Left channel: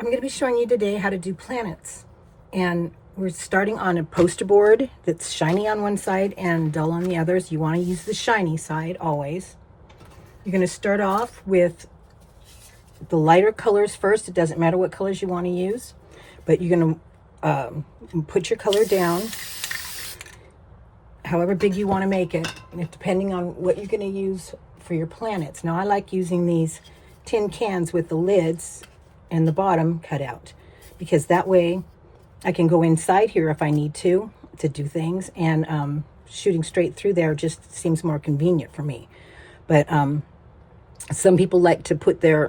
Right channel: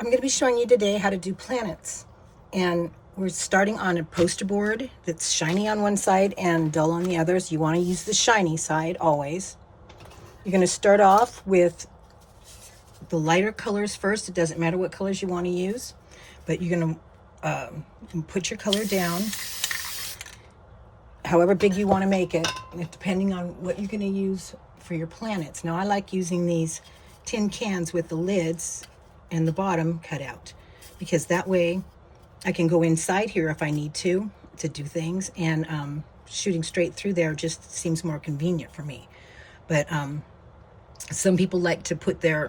I'm going to be showing you today how to do planets. And we're starting on a poster board that's shiny on one side and dull on the others. You want to use the shiny side always. You're going to start off with the lighter colors first. It doesn't matter what colors you want to use, but you're going to put your color down however big you want to make it, depending on what you're going to use for your planets. Now, I like using these tin cans with the lids and the bottom cut out, because that way I can go inside here if I need to do things, and shooting straight through there just seems more convenient for me. But some people like to put the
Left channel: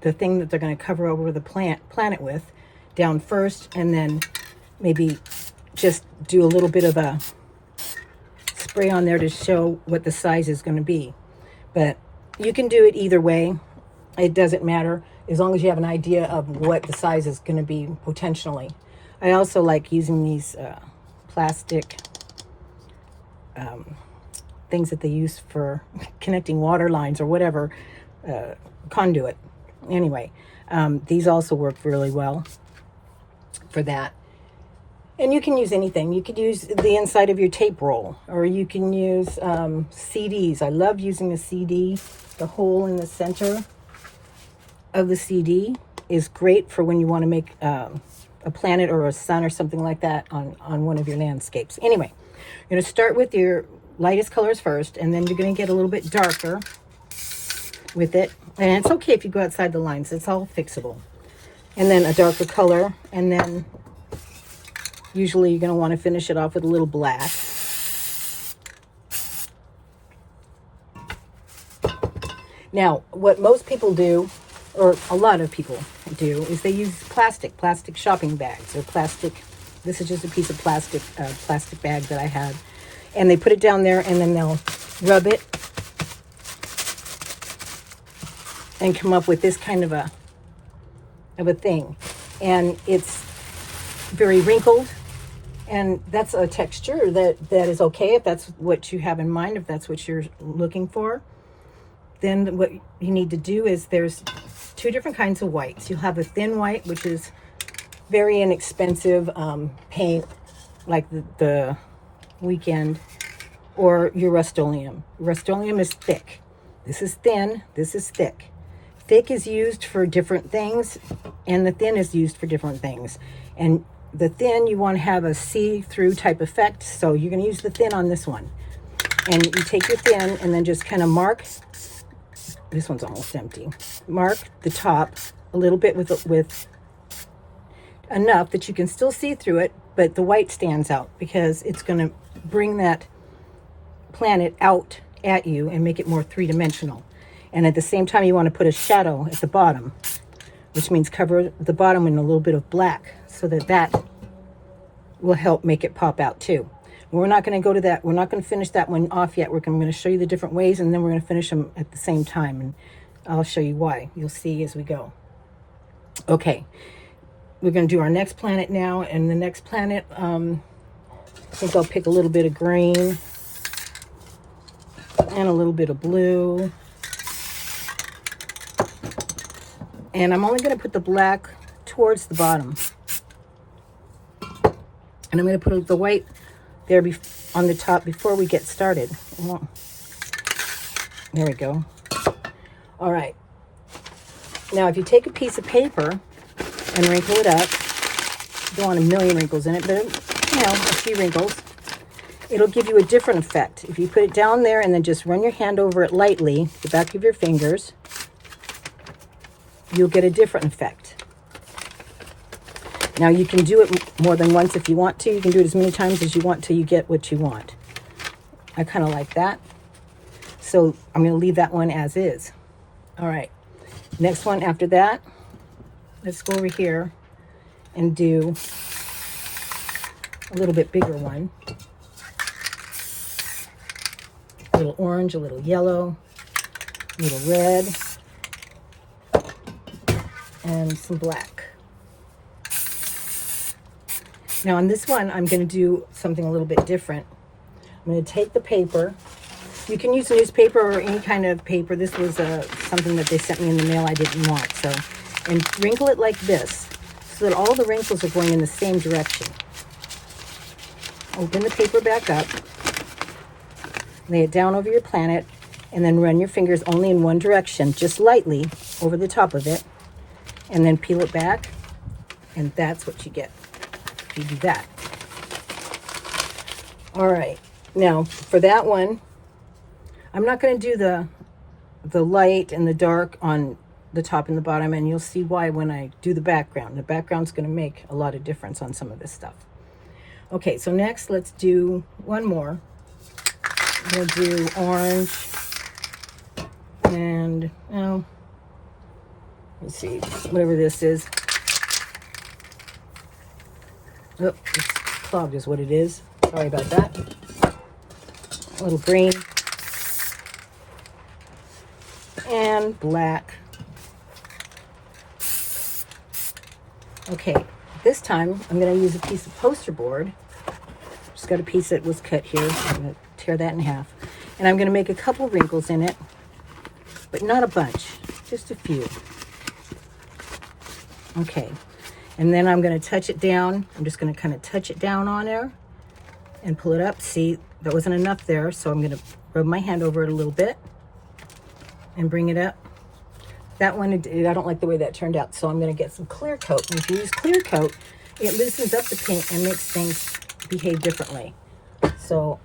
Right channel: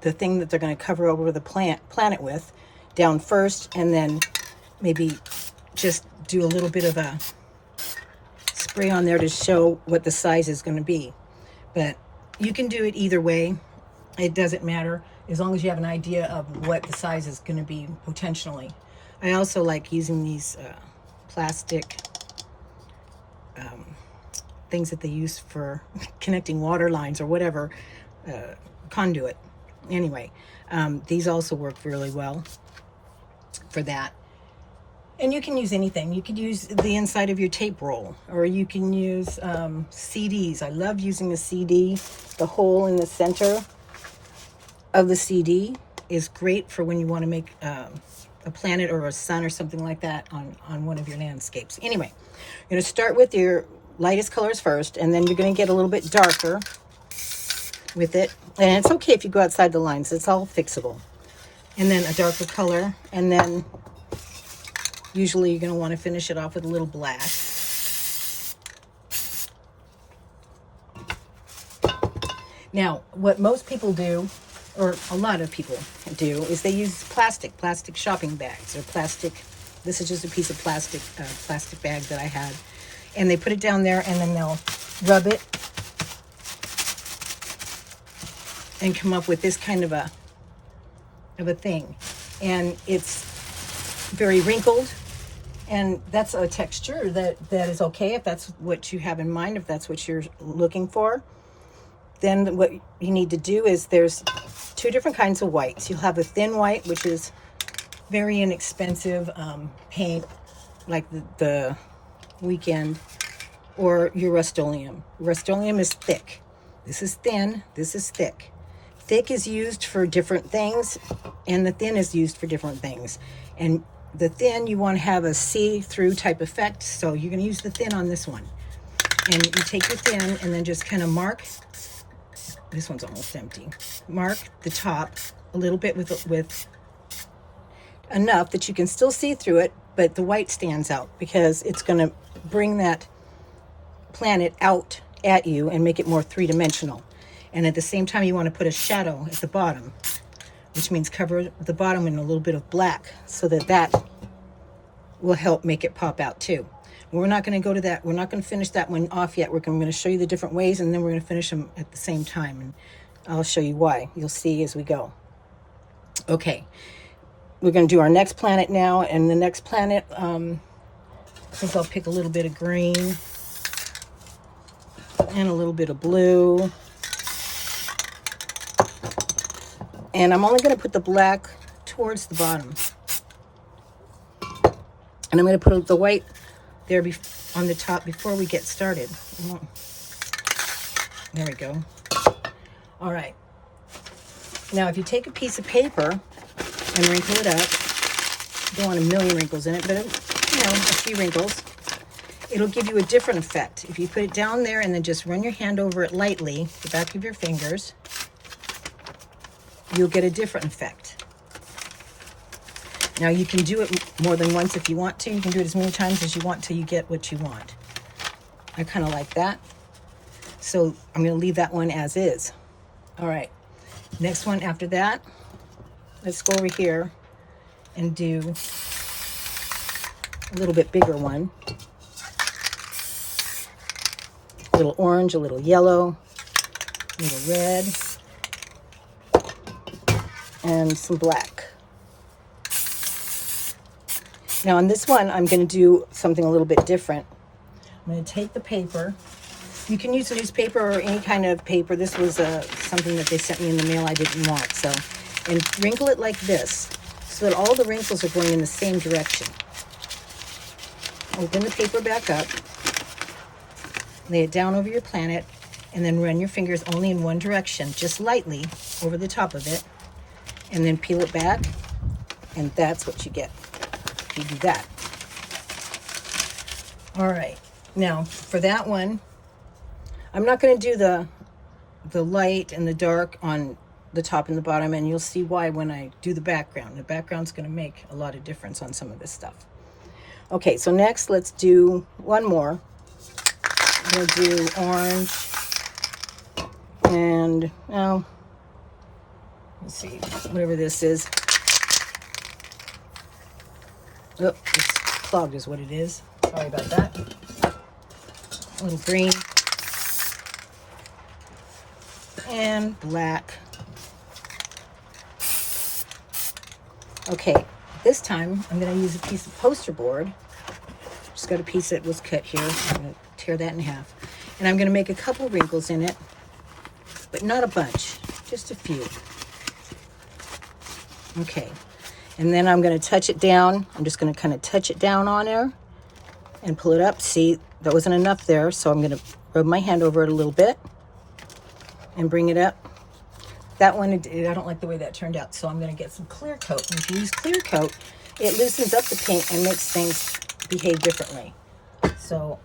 thing that they're going to cover over the planet with down first, and then maybe just do a little bit of a spray on there to show what the size is going to be. But you can do it either way. It doesn't matter, as long as you have an idea of what the size is going to be potentially. I also like using these plastic things that they use for connecting water lines or whatever, conduit. Anyway, these also work really well for that. And you can use anything. You could use the inside of your tape roll, or you can use CDs. I love using a CD. The hole in the center of the CD is great for when you want to make a planet or a sun or something like that on one of your landscapes. Anyway, you're going to start with your lightest colors first, and then you're going to get a little bit darker with it. And it's okay if you go outside the lines. It's all fixable. And then a darker color, and then usually you're going to want to finish it off with a little black. Now, what most people do, or a lot of people do, is they use plastic shopping bags, or plastic. This is just a piece of plastic bag that I had. And they put it down there, and then they'll rub it and come up with this kind of a thing. And it's very wrinkled. And that's a texture that is okay if that's what you have in mind, if that's what you're looking for. Then what you need to do is, there's two different kinds of whites. You'll have a thin white, which is very inexpensive paint, like the Weekend, or your Rust-Oleum. Rust-Oleum is thick. This is thin, this is thick. Thick is used for different things, and the thin is used for different things. And the thin, you want to have a see-through type effect, so you're going to use the thin on this one. And you take your thin and then just kind of mark. This one's almost empty. Mark the top a little bit with enough that you can still see through it, but the white stands out because it's going to bring that planet out at you and make it more three-dimensional. And at the same time, you want to put a shadow at the bottom, which means cover the bottom in a little bit of black, so that will help make it pop out too. We're not going to go to that. We're not going to finish that one off yet. I'm going to show you the different ways, and then we're going to finish them at the same time, and I'll show you why. You'll see as we go. Okay, we're going to do our next planet now, and the next planet, I think I'll pick a little bit of green and a little bit of blue. And I'm only going to put the black towards the bottom. And I'm going to put the white there on the top before we get started. Oh, there we go. All right. Now, if you take a piece of paper and wrinkle it up, you don't want a million wrinkles in it, but, a few wrinkles, it'll give you a different effect. If you put it down there and then just run your hand over it lightly, the back of your fingers, you'll get a different effect. Now, you can do it more than once if you want to. You can do it as many times as you want till you get what you want. I kind of like that. So I'm going to leave that one as is. All right. Next one after that, let's go over here and do a little bit bigger one. A little orange, a little yellow, a little red, and some black. Now on this one, I'm going to do something a little bit different. I'm going to take the paper. You can use newspaper or any kind of paper. This was something that they sent me in the mail I didn't want, so and wrinkle it like this so that all the wrinkles are going in the same direction. Open the paper back up, lay it down over your planet, and then run your fingers only in one direction, just lightly over the top of it, and then peel it back, and that's what you get if you do that. All right, now for that one, I'm not going to do the light and the dark on the top and the bottom, and you'll see why when I do the background. The background's going to make a lot of difference on some of this stuff. Okay, so next let's do one more. I'm going to do orange and, oh, let's see, whatever this is. Oh, it's clogged is what it is. Sorry about that. A little green. And black. Okay, this time I'm going to use a piece of poster board. Just got a piece that was cut here. I'm going to tear that in half. And I'm going to make a couple wrinkles in it, but not a bunch, just a few. Okay, and then I'm going to touch it down. I'm just going to kind of touch it down on there and pull it up. See, that wasn't enough there, so I'm going to rub my hand over it a little bit and bring it up. That one, I don't like the way that turned out, so I'm going to get some clear coat. And if you use clear coat, it loosens up the paint and makes things behave differently. So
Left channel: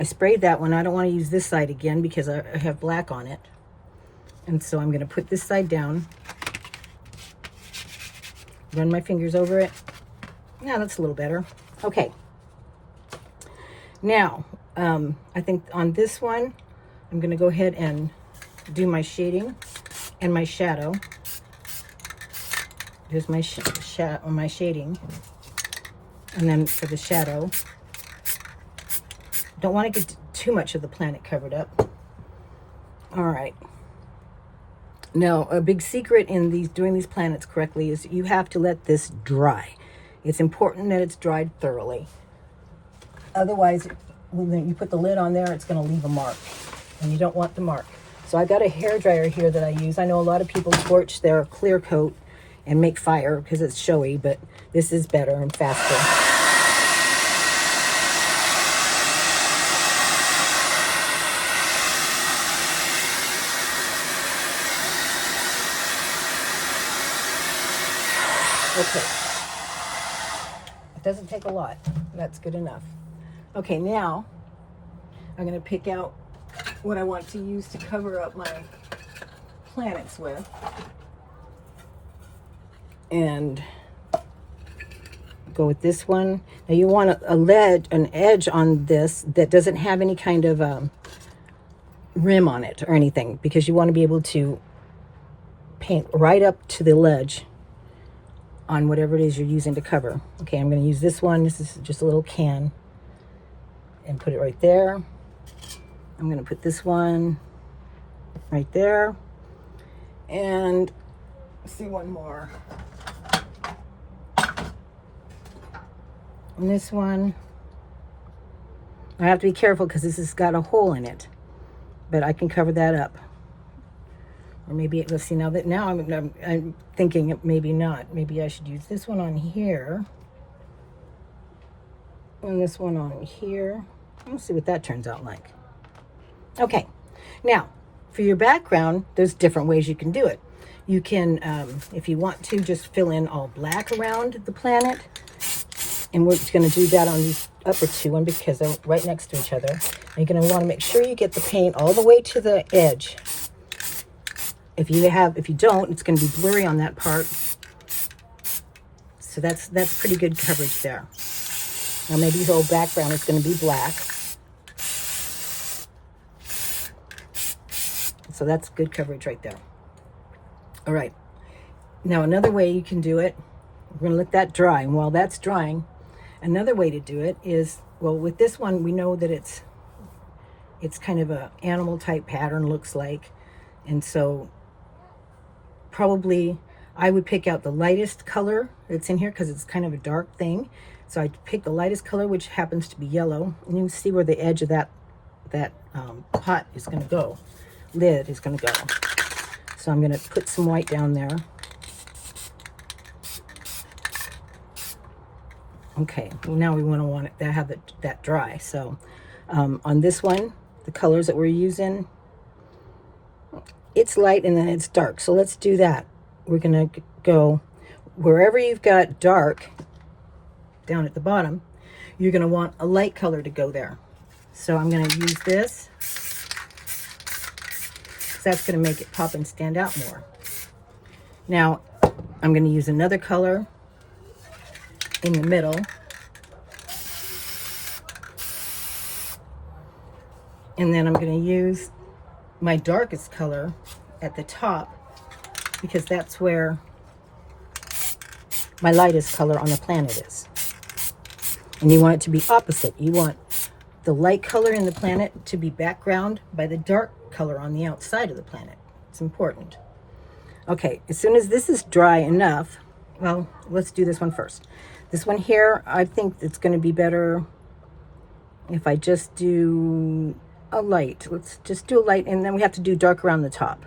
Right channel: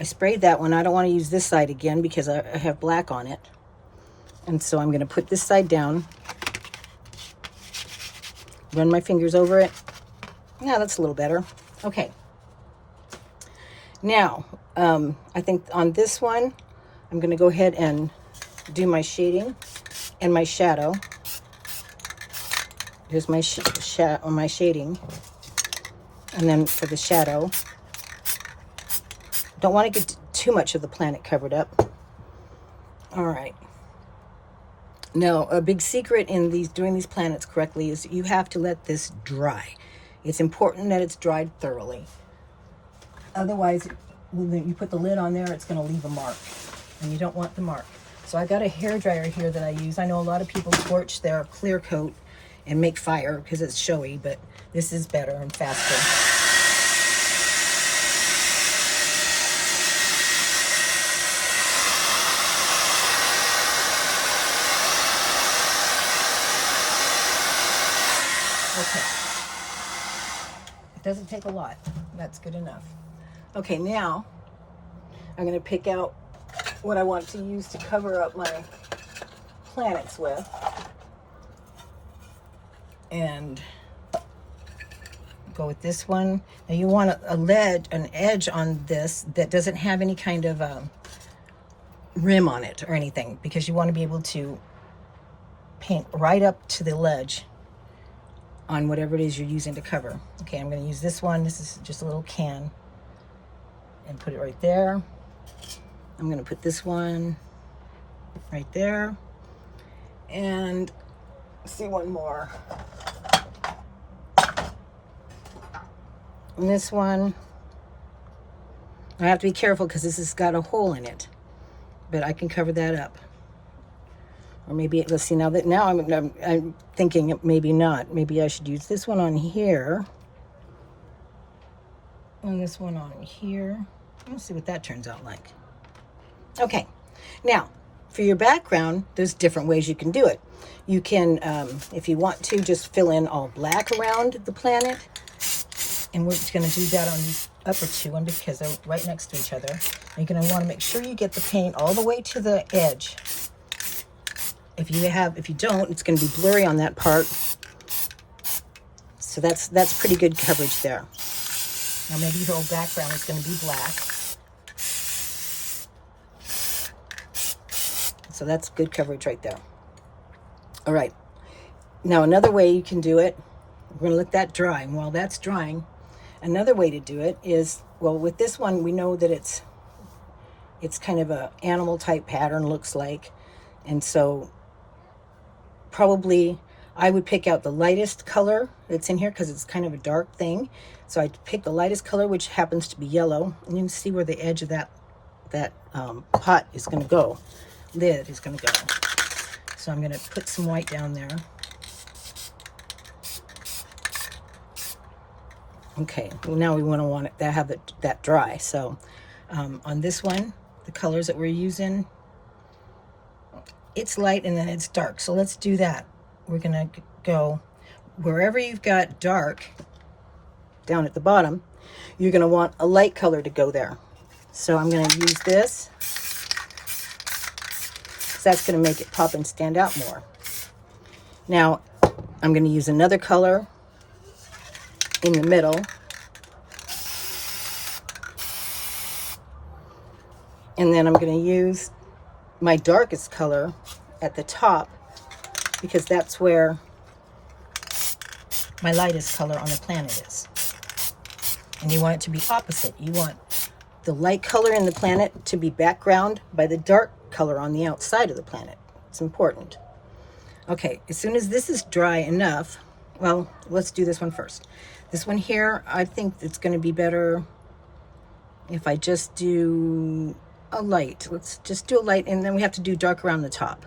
I sprayed that one. I don't want to use this side again because I have black on it. And so I'm going to put this side down, run my fingers over it. Yeah, that's a little better. Okay. Now, I think on this one, I'm going to go ahead and do my shading and my shadow. Here's my my shading. And then for the shadow, don't want to get too much of the planet covered up. All right. Now, a big secret in doing these planets correctly is you have to let this dry. It's important that it's dried thoroughly. Otherwise, when you put the lid on there, it's going to leave a mark, and you don't want the mark. So I got a hair dryer here that I use. I know a lot of people scorch their clear coat and make fire because it's showy, but this is better and faster. Okay, it doesn't take a lot. That's good enough. Okay, now I'm going to pick out what I want to use to cover up my planets with. And go with this one. Now you want an edge on this that doesn't have any kind of rim on it or anything, because you want to be able to paint right up to the ledge on whatever it is you're using to cover. Okay, I'm going to use this one. This is just a little can, and put it right there. I'm going to put this one right there, and see one more. And this one, I have to be careful because this has got a hole in it, but I can cover that up. Or maybe, let's see, now I'm thinking maybe not. Maybe I should use this one on here. And this one on here. Let's see what that turns out like. Okay, now, for your background, there's different ways you can do it. You can, if you want to, just fill in all black around the planet. And we're just going to do that on these upper two because they're right next to each other. And you're going to want to make sure you get the paint all the way to the edge. If you don't, it's going to be blurry on that part. So that's pretty good coverage there. Now maybe the whole background is going to be black. So that's good coverage right there. All right. Now another way you can do it, we're going to let that dry. And while that's drying, another way to do it is, well, with this one, we know that it's kind of a animal type pattern, looks like. And so probably I would pick out the lightest color that's in here because it's kind of a dark thing. So I pick the lightest color, which happens to be yellow. And you can see where the edge of that pot is going to go. Lid is going to go. So I'm going to put some white down there. Okay, well now we want it to have that dry. So on this one, the colors that we're using, it's light and then it's dark. So let's do that. We're gonna go wherever you've got dark down at the bottom, you're gonna want a light color to go there. So I'm gonna use this, because that's gonna make it pop and stand out more. Now, I'm gonna use another color in the middle. And then I'm gonna use my darkest color at the top, because that's where my lightest color on the planet is. And you want it to be opposite. You want the light color in the planet to be background by the dark color on the outside of the planet. It's important. Okay, as soon as this is dry enough, well, let's do this one first. This one here, I think it's going to be better if I just do a light. Let's just do a light, and then we have to do dark around the top.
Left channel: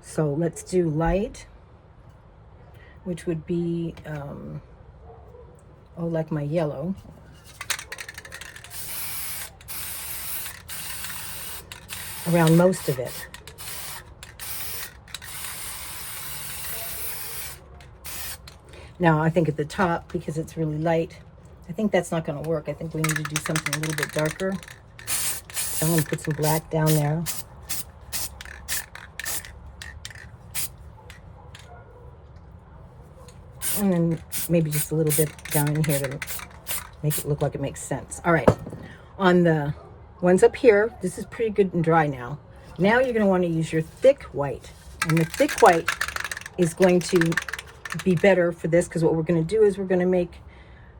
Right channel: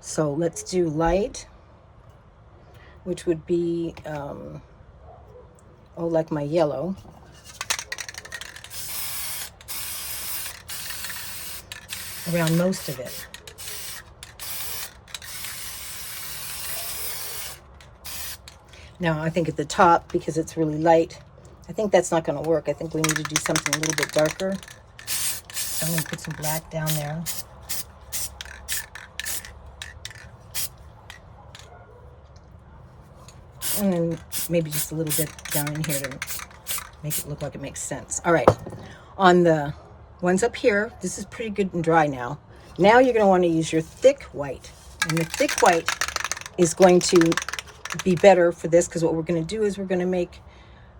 So let's do light, which would be, like my yellow. Around most of it. Now I think at the top, because it's really light, I think that's not going to work. I think we need to do something a little bit darker. So I'm going to put some black down there. And then maybe just a little bit down in here to make it look like it makes sense. All right, on the ones up here, this is pretty good and dry now. Now you're going to want to use your thick white. And the thick white is going to be better for this, because what we're going to do is we're going to make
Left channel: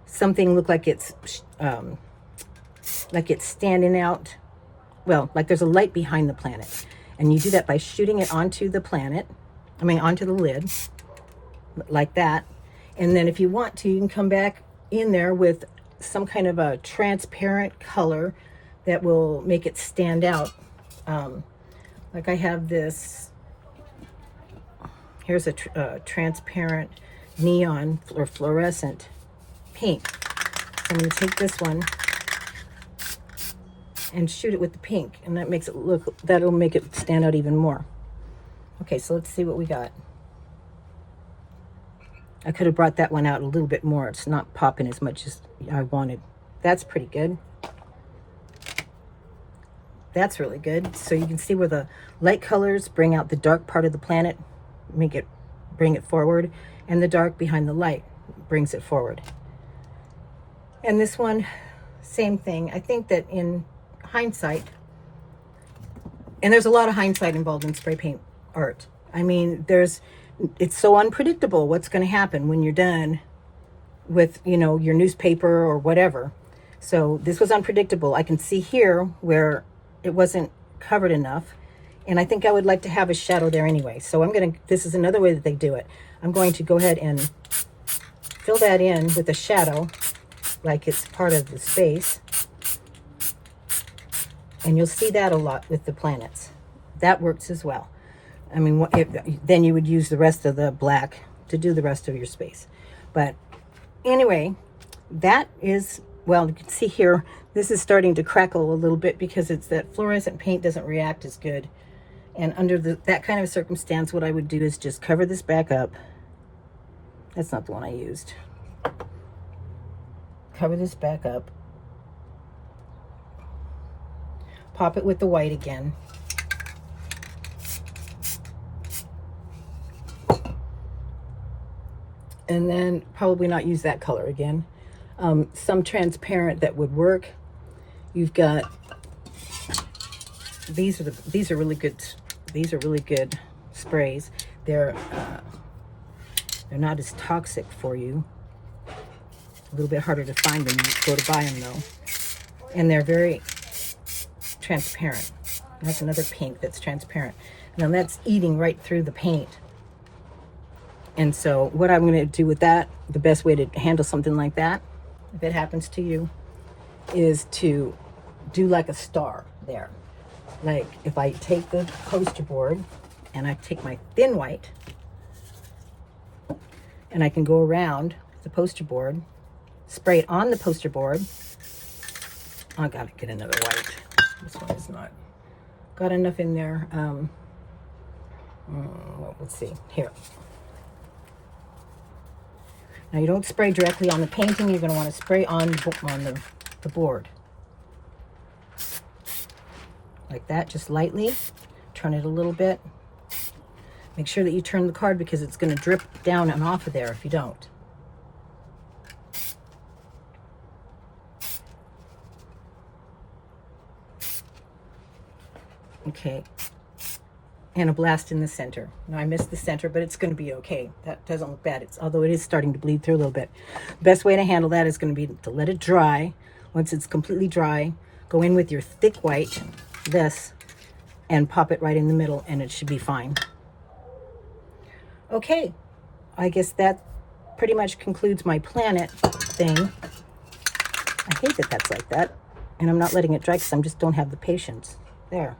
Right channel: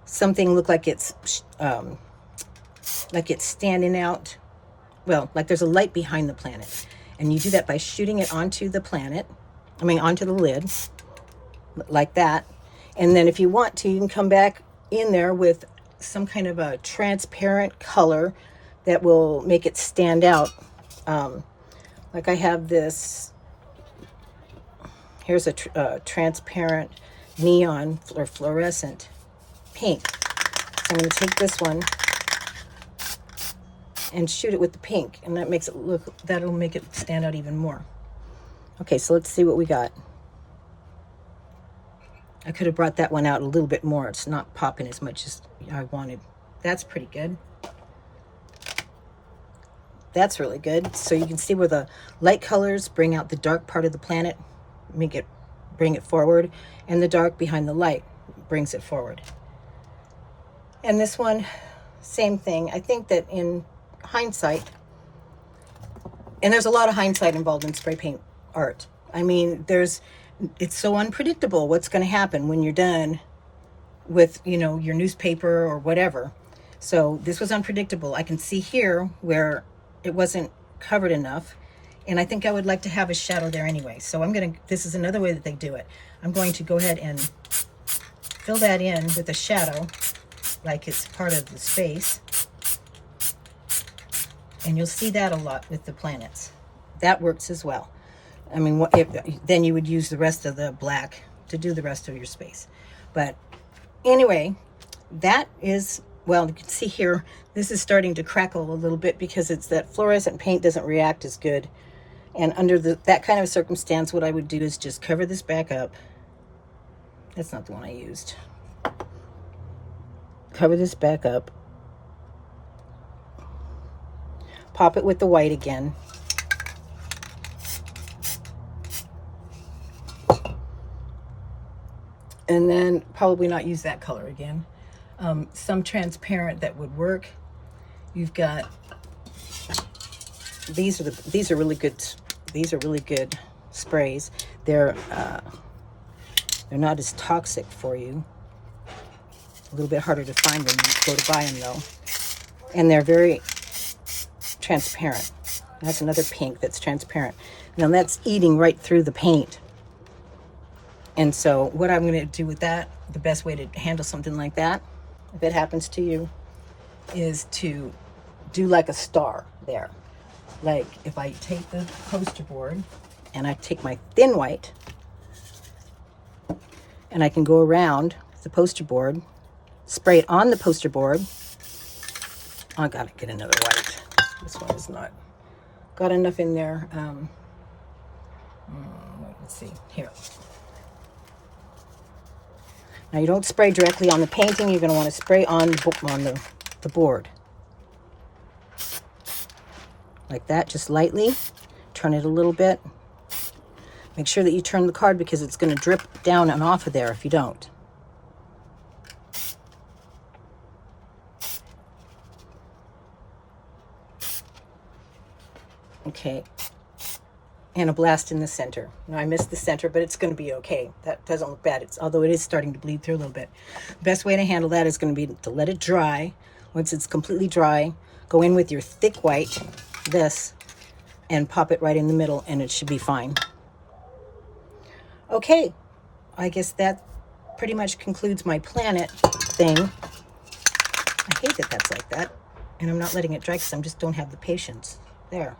something look like it's standing out. Well, like there's a light behind the planet. And you do that by shooting it onto the planet, onto the lid, like that. And then if you want to, you can come back in there with some kind of a transparent color that will make it stand out. Like I have this, here's a transparent neon or fluorescent pink. So I'm going to take this one and shoot it with the pink, and that makes it look, that'll make it stand out even more. Okay, so let's see what we got. I could have brought that one out a little bit more. It's not popping as much as I wanted. That's pretty good. That's really good. So you can see where the light colors bring out the dark part of the planet, bring it forward, and the dark behind the light brings it forward. And this one, same thing. I think that in hindsight, and there's a lot of hindsight involved in spray paint art. It's so unpredictable what's going to happen when you're done with, your newspaper or whatever. So this was unpredictable. I can see here where it wasn't covered enough, and I think I would like to have a shadow there anyway. So this is another way that they do it. I'm going to go ahead and fill that in with a shadow, like it's part of the space. And you'll see that a lot with the planets. That works as well. Then you would use the rest of the black to do the rest of your space. But anyway, that is, well, you can see here, this is starting to crackle a little bit because it's that fluorescent paint doesn't react as good. And under that kind of circumstance, what I would do is just cover this back up. That's not the one I used. Cover this back up. Pop it with the white again. And then probably not use that color again. Some transparent that would work. You've got, these are really good. These are really good sprays. They're not as toxic for you. A little bit harder to find when you go to buy them though. And they're very transparent. That's another pink that's transparent. Now that's eating right through the paint. And so what I'm going to do with that, the best way to handle something like that, if it happens to you, is to do like a star there. Like if I take the poster board and I take my thin white and I can go around the poster board spray it on the poster board. I gotta get another white. This one is not got enough in there. Let's see here. Now you don't spray directly on the painting. You're going to want to spray on the board. Like that, just lightly. Turn it a little bit. Make sure that you turn the card because it's going to drip down and off of there if you don't. Okay. And a blast in the center. Now, I missed the center, but it's going to be okay. That doesn't look bad. Although it is starting to bleed through a little bit. The best way to handle that is going to be to let it dry. Once it's completely dry, go in with your thick white, this, and pop it right in the middle, and it should be fine. Okay, I guess that pretty much concludes my planet thing. I hate that that's like that, and I'm not letting it dry because I just don't have the patience. There.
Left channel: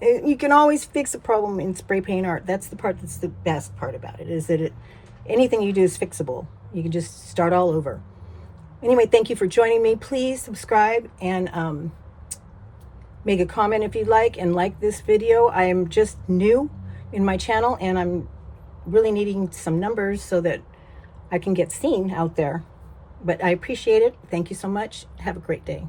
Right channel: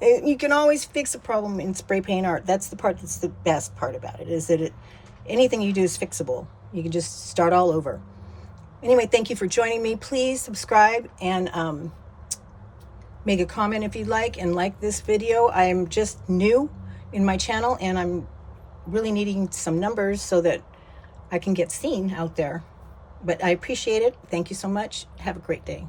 You can always fix a problem in spray paint art. That's the part that's the best part about it, is that anything you do is fixable. You can just start all over. Anyway, thank you for joining me. Please subscribe and make a comment if you'd like this video. I am just new in my channel, and I'm really needing some numbers so that I can get seen out there. But I appreciate it. Thank you so much. Have a great day.